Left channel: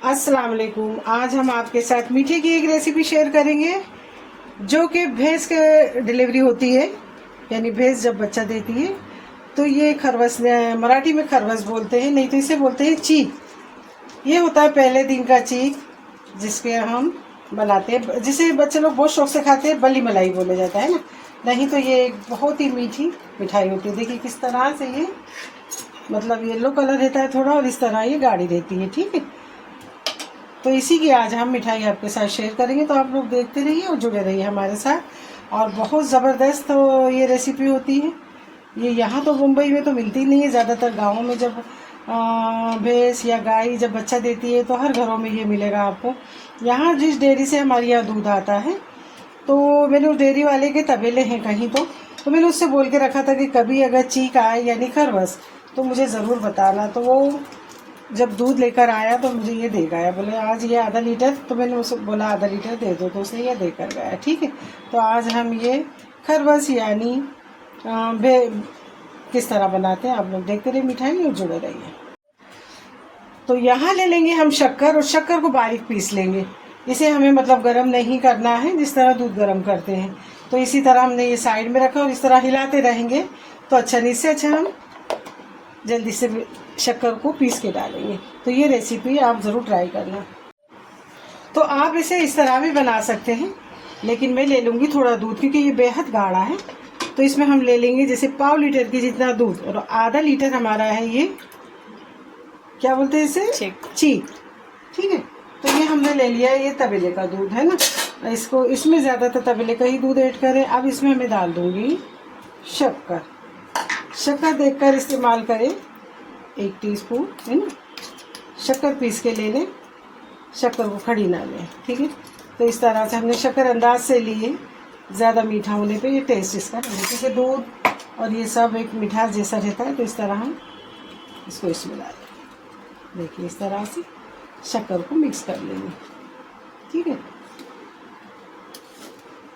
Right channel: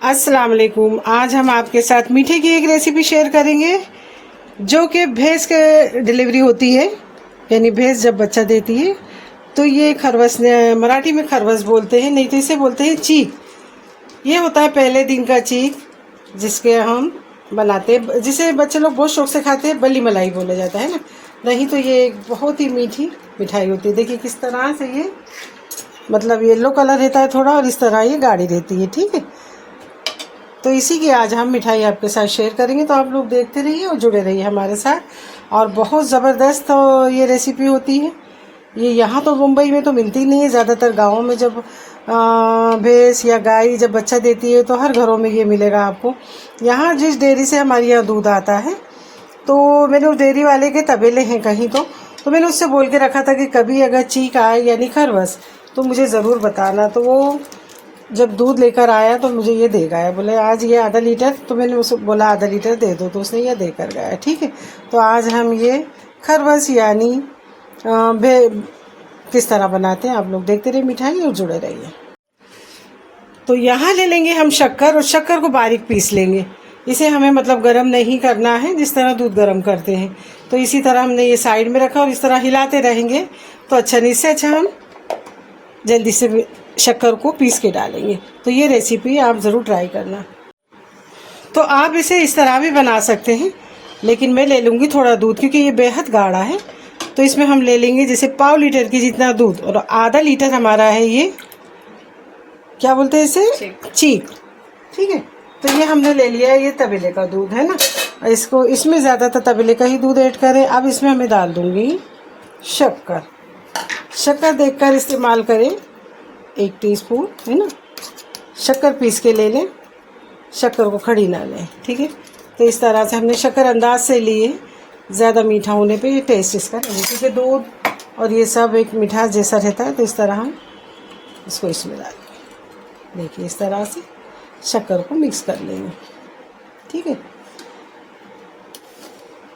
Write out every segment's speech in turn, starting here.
अस्सलाम वालेकुम। आज हम आपके साथ मीठे की एक रेसिपी शेयर करेंगे जो कि भैंस के डिलीवरी होती है, यानी भैंस जब बच्चा देती है तो ये खरवस, मराठी में खरवस बोलते हैं, नहीं तो इसे बोलते हैं चीक। ये होता है पहले दिन का चीक, जिसके हम बनाते हैं, जिसे बच्चे लोग बहुत शौक से खाते हैं। बल्ली मलाई बोला जाता है ना। नहीं तो ये एक बहुत ही मीठी मिठाई होती है। देखिए किस तरह से ये मतलब येलो कलर रहता है थोड़ा, और इस तरह ये गाढ़ी रहती है। ठीक है, तो इसी की आज हम मिठाई आपके साथ शेयर करेंगे, तो आप लोग देखते रहिए और जुड़े रहिए हमारे साथ। और बहुत ज़बरदस्त तो ये रेसिपी होती है। ये यहाँ तो मुंबई में तो मिलती नहीं है, ज़्यादातर गाँवों में जब भैंस या गाय जब बच्चा देती है तो हर घरों में ये मिलेगा आपको। यहाँ जिस डेयरी से हमारे यहाँ दूध आता है, तो मैंने उस डेयरी वाले के तबेले हैं कहीं, तो मैंने उससे बोल के रखा था कि कभी अगर चीक आए यानी खरवस तो मुझे ज़रूर बताना। तो वो जब दूध लेकर आया तो मुझे ये दे गया, बोले आज ये आधा लीटर, तो मैंने उसे बोला आधा लीटर दे दो, तो उसने ये दे कर गया। ठीक है, तो आज हम ये खरवस यानी किस तरह बनाते हैं आप लोग देखते रहिए मिठाई और जुड़े रहिए। तो यहाँ ले लेंगे हम शक्कर, और शक्कर को बारीक पीस लेंगे। इसे हमें मतलब गरम नहीं करना है, जिस तरह दूध गरम करते हैं। तो इसी तरह हमने ये साइड में रखा और इस तरह हिलाते रहेंगे तो अच्छा नहीं, इससे अच्छा हम जल्दी से शक्कर को पीस के डालेंगे। तो ये रेसिपी आप ज़रूर ट्राई करना। तो आप इसे इस तरह भी बना सकते हैं, लेकिन मैं ले लूँगी थोड़ा दूध, क्योंकि ये बेहद गाढ़ा है। तो इसमें हम ले लेंगे जैसे पाव लीटर की जितना दूध, और आधा लीटर हमारा है ये, क्या बोलते हैं इसे, चीक। ठीक है, तो ये हमने ले लिया है, ये तबेले का दूध है ना। इसको इसमें ज़्यादातर तबेले का ही दूध ऐड करें। अब इसमें हमें डाल दूँगी शक्कर। शक्कर देखकर इस्तेमाल करें, 1 टीस्पून है ना। शक्कर पीस के ले लें, शक्कर को खड़ी ना लें। ठीक है, तो इस तरह से हमने शक्कर अंदाज से लिए, ज़्यादा मीठा होने पे ये टेस्ट इसका नहीं, क्योंकि दूध और ये सब एक मिठास जैसा रहता है। तो इस तरह हम इसको इसमें डालेंगे। देखिए इस तरह से शक्कर को मिक्स कर लेंगे। ठीक है,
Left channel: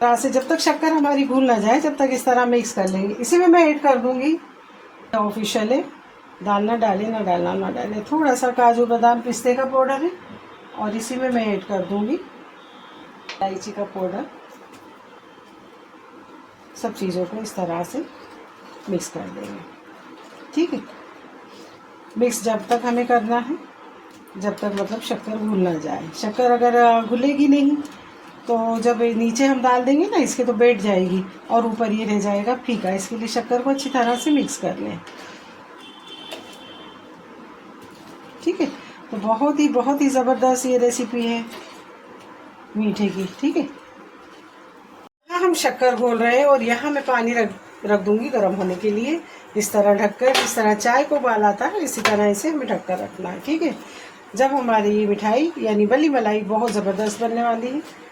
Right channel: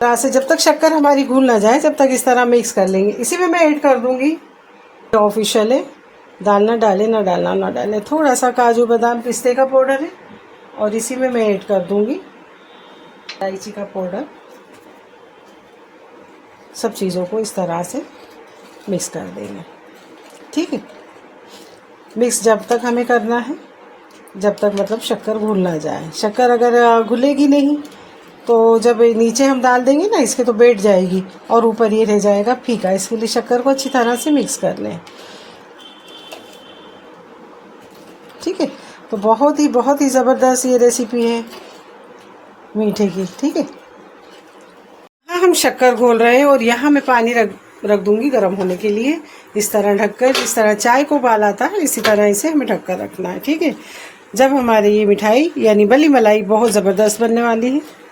तरह से जब तक शक्कर हमारी घुल ना जाए तब तक इस तरह मिक्स कर लेंगे। इसी में मैं ऐड कर दूँगी, ऑफिशियल है, डालना डालें ना डालना ना डालें, थोड़ा सा काजू बादाम पिस्ते का पाउडर है, और इसी में मैं ऐड कर दूंगी इलायची का पाउडर। सब चीज़ों को इस तरह से मिक्स कर देंगे। ठीक है, मिक्स जब तक हमें करना है जब तक मतलब शक्कर घुल ना जाए। शक्कर अगर घुलेगी नहीं तो जब नीचे हम डाल देंगे ना इसके, तो बैठ जाएगी और ऊपर ये रह जाएगा फीका। इसके लिए शक्कर को अच्छी तरह से मिक्स कर लें। ठीक है, तो बहुत ही ज़बरदस्त ये रेसिपी है मीठे की। ठीक है, यहाँ हम शक्कर घोल रहे हैं और यहाँ मैं पानी रख दूँगी गर्म होने के लिए, इस तरह ढककर। इस तरह चाय को उबाल आता है, इसी तरह इसे हमें ढककर रखना है। ठीक है, जब हमारी ये मिठाई यानी बल्ली मलाई बहुत ज़बरदस्त बनने वाली है।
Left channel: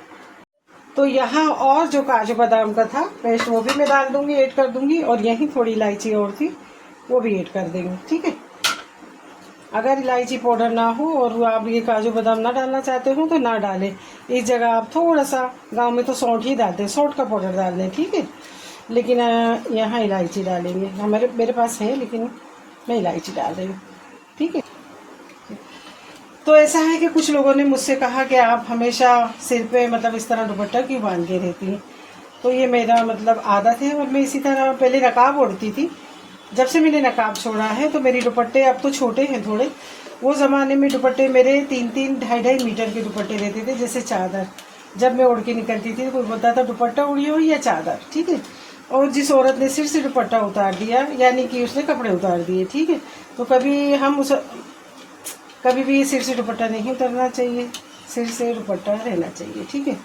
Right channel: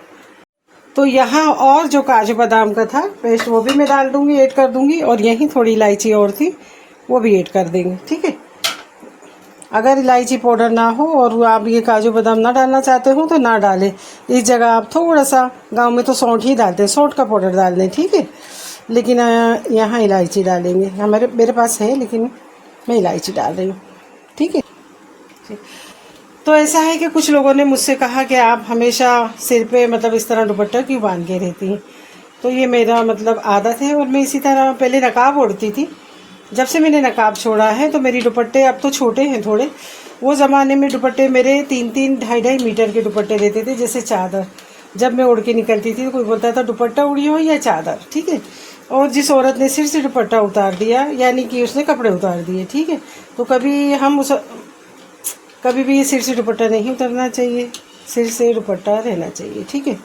तो यहाँ और जो काजू बादाम का था पेस्ट, वो भी मैं डाल दूँगी, ऐड कर दूँगी, और यहीं थोड़ी इलायची और थी, वो भी ऐड कर देंगे। ठीक है, अगर इलायची पाउडर ना हो और आप ये काजू बादाम ना डालना चाहते हो तो ना डालें। इस जगह आप थोड़ा सा, गांव में तो सौंठ ही डालते हैं, सौंठ का पाउडर डाल दें। ठीक है, लेकिन यहाँ इलायची डालेंगे। मेरे पास है, लेकिन मैं इलायची डाल रही हूँ। ठीक है, तो ऐसा है कि कुछ लोगों ने मुझसे कहा कि आप हमेशा सिर पे मतलब इस तरह दुपट्टा क्यों बांध के रहती हैं। तो ये मेरा मतलब आदत है, और मैं इसी तरह पहले नकाब ओढ़ती थी। जब से मैंने नकाब छोड़ा है तो मेरी दुपट्टे अब तो छोटे हैं थोड़े। वो ज़माने में दुपट्टे मेरे 3-3, 2.5 मीटर के दुपट्टे देते थे, जैसे चादर। जब मैं उड़ के निकलती थी तो कोई बोलता था दुपट्टा उड़ी हो या चादर। ठीक है, और जिस औरत ने सिर से दुपट्टा उतार दिया यानी कि उसने कपड़े उतार दिए। ठीक है, तो कभी भी सिर से दुपट्टा नहीं उतरना चाहिए, सिर से दुपट्टा रहना चाहिए। ठीक है,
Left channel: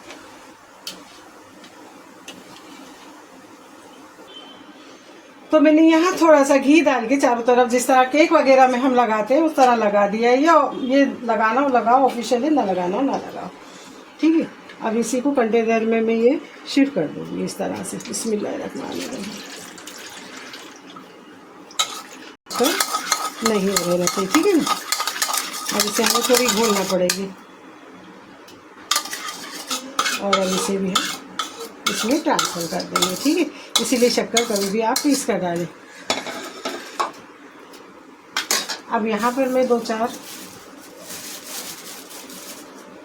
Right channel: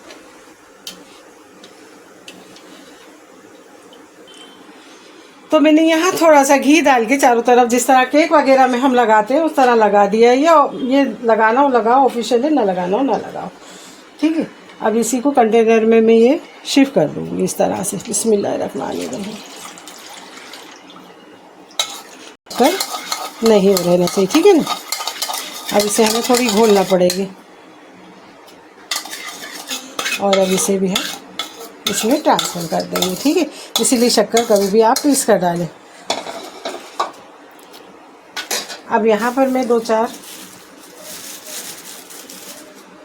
तो मैंने यहाँ थोड़ा सा घी डाल के चारों तरफ, जिस तरह केक वगैरह में हम लगाते हैं उस तरह लगा दिया है। ये लगाना हो लगाओ, ऑफिशियल है, ना लगाना हो ना लगाओ। ठीक है, अब इसी को कंटेनर में मैं ये शिफ्ट कर दूँगी इस तरह से। बिस्मिल्लाहिर्रहमानिर्रहीम। नहीं हो रहना चाहिए। ठीक है ना, अब इसे हमें थोड़ी घोलना पड़ेगी, और अब इसे भी हम इसमें ट्रांसफर कर देंगे। ठीक है, इसीलिए शक्कर कभी भी आप पीस कर डालें। अब यहाँ पर मैं 2-4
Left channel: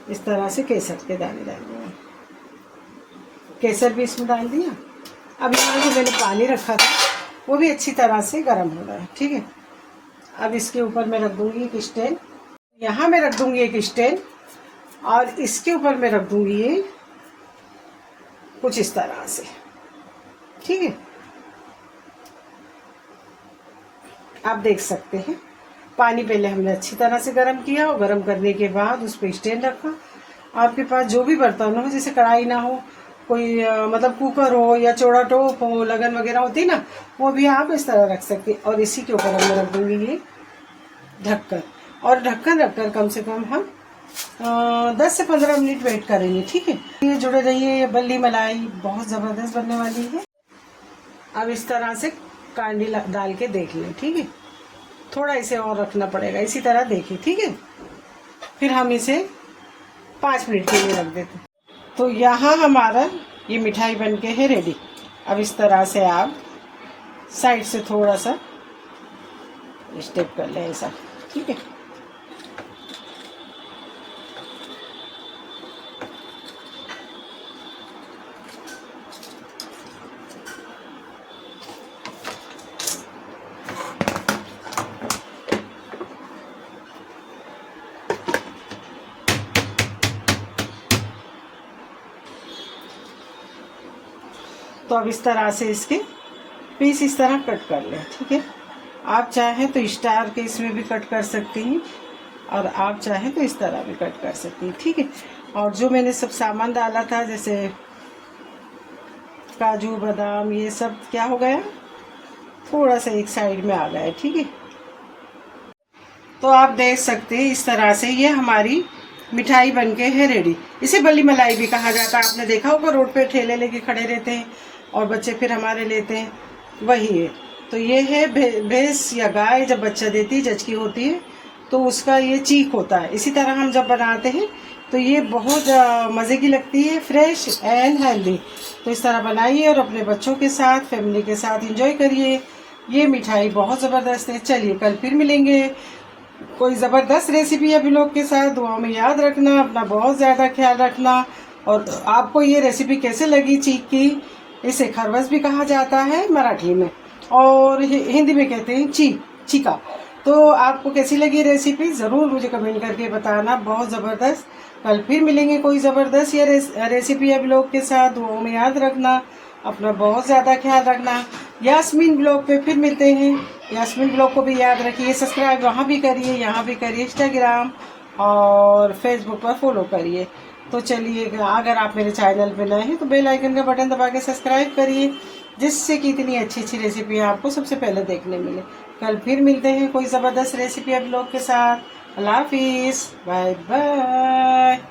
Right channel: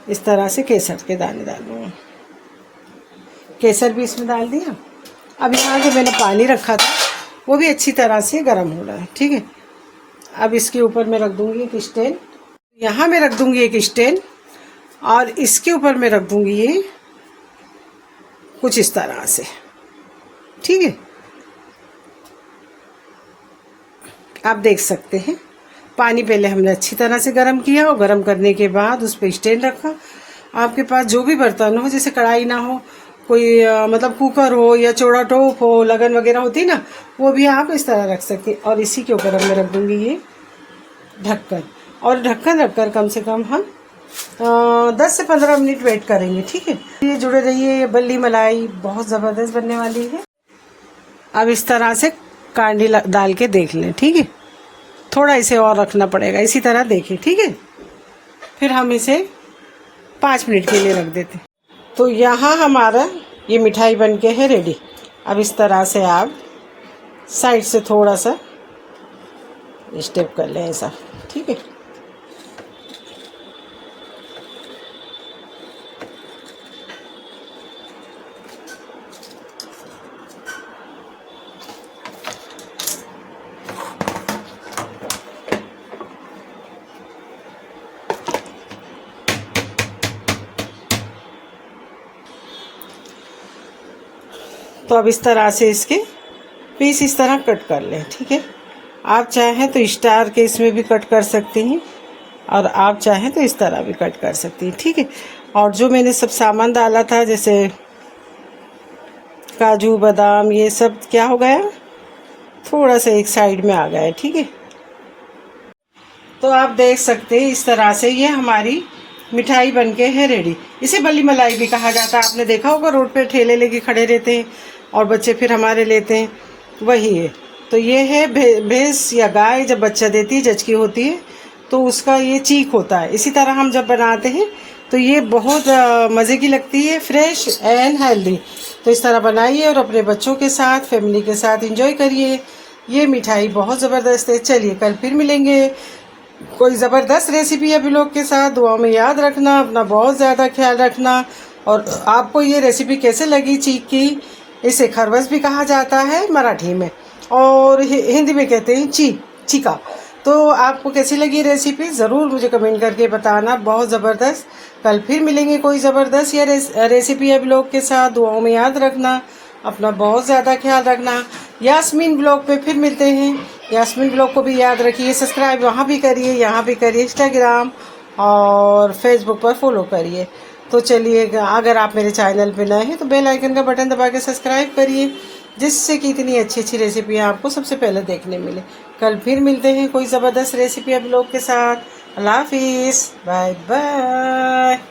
इस तरह से केसर के दाने डालूँगा। केसर भी इसमें डाल दिया। अब यहाँ जो मैंने पानी रखा था वो भी अच्छी तरह से गर्म हो रहा है, ठीक है। अब इसके ऊपर मैं रख दूँगी एक स्टैंड, यहाँ मैं रख दूँगी एक स्टैंड, और इसके ऊपर मैं रख दूँगी ये कुछ इस तरह से, ठीक है। आप देख सकते हैं पानी पहले हमने अच्छी तरह से गर्म किया, और गर्म करने के बाद उस पर स्टैंड रखा। आपके पास जो भी बर्तन हो, जैसे कढ़ाई ना हो, कोई मतलब कुकर हो या चौड़ा टोप हो, लगन वगैरह होती ना, वो भी आप इस तरह रख सकते हैं। और इसी के ऊपर मैं रख दूँगी ये ढक्कन, और ढक्कन रखकर कम से कम हम 10 से 15 मिनट वेट करेंगे, ठीक है। ये जुड़े रहिए, ये बल्ली मलाई बहुत ज़बरदस्त बनने वाली है। अब इस तरह से कांडी डाल के देख लें, ठीक है। थोड़ा इसे और रखना पड़ेगा, इसी तरह देखें, ठीक है। फिर हम इसे 5 मिनट के लिए रख देते हैं। तो यहाँ हमारा ये मिठाई बन के है रेडी। अब इस तरह से आप साइड से थोड़ा सा स्टेप कर लें ऐसा, ठीक है। तो अब इस तरह से इसके पीस इस तरह कट कर लें, ठीक है। आप चाहें तो स्टार के इसमें भी कट कर सकते हैं, और आप चाहें तो इस तरह भी कट कर सकती हैं, ठीक है। और जो मैंने सब सामान डाला था, जैसे काजू बादाम, ये सब क्या हो गया, थोड़ा सा एक साइड में आ गया है, ठीक है। तो आप देख सकते हैं इस तरह से ये हमारी मिठाई बनके है रेडी। इसे बल्ली मलाई भी कहा जाता है। आपने देखा होगा रोड पे ठेले लेके खड़े रहते हैं और बच्चे फिर हमारे लेते हैं, वही है। तो ये है भैंस या गाय जब बच्चा देती है, जचकी होती है, तो उसका ये चीक होता है। इसी तरह हम जब बनाते हैं तो ये बहुत मज़े की लगती है, फ्रेश एंड हेल्दी। तो इस तरह बनाइए और अपने बच्चों के साथ, फैमिली के साथ एंजॉय करिए। ये मिठाई बहुत ज़बरदस्त है। चलिए कल फिर मिलेंगे कोई ज़बरदस्त रेसिपी अभी लोग के साथ। दुआ में याद रखना, अपना बहुत ज़्यादा ख्याल रखना। और आपको ये रेसिपी कैसे लगी चीक की? इसे खरबस भी कहा जाता है मराठी में, और हिंदी में कहते हैं चीका। तो आपको कैसी लगी रेसिपी ज़रूर मुझे कमेंट करके बताना। बहुत ज़बरदस्त। कल फिर मिलेंगे कोई ज़बरदस्त या रेसिपी अभी लोग के साथ। दुआओं में याद रखना, अपना बहुत ज़्यादा ख्याल रखना। यास्मीन ब्लॉग पे फिर मिलते हैं। यास्मीन ब्लॉग को भी याद रखिए, सब्सक्राइब वहाँ भी करिए, यहाँ भी करिए, इंस्टाग्राम और फेसबुक पर फॉलो करिए। तो चलिए, अगर आप मेरे चैनल पे नए हैं तो बेल आइकन का बटन दबा के सब्सक्राइब करिए, जिससे कि इतनी अच्छी अच्छी रेसिपियाँ आपको सबसे पहले देखने मिले। कल फिर मिलते हैं कोई ज़बरदस्त रेसिपी आप लोग के साथ। अल्लाह हाफिज़, बाय बाय।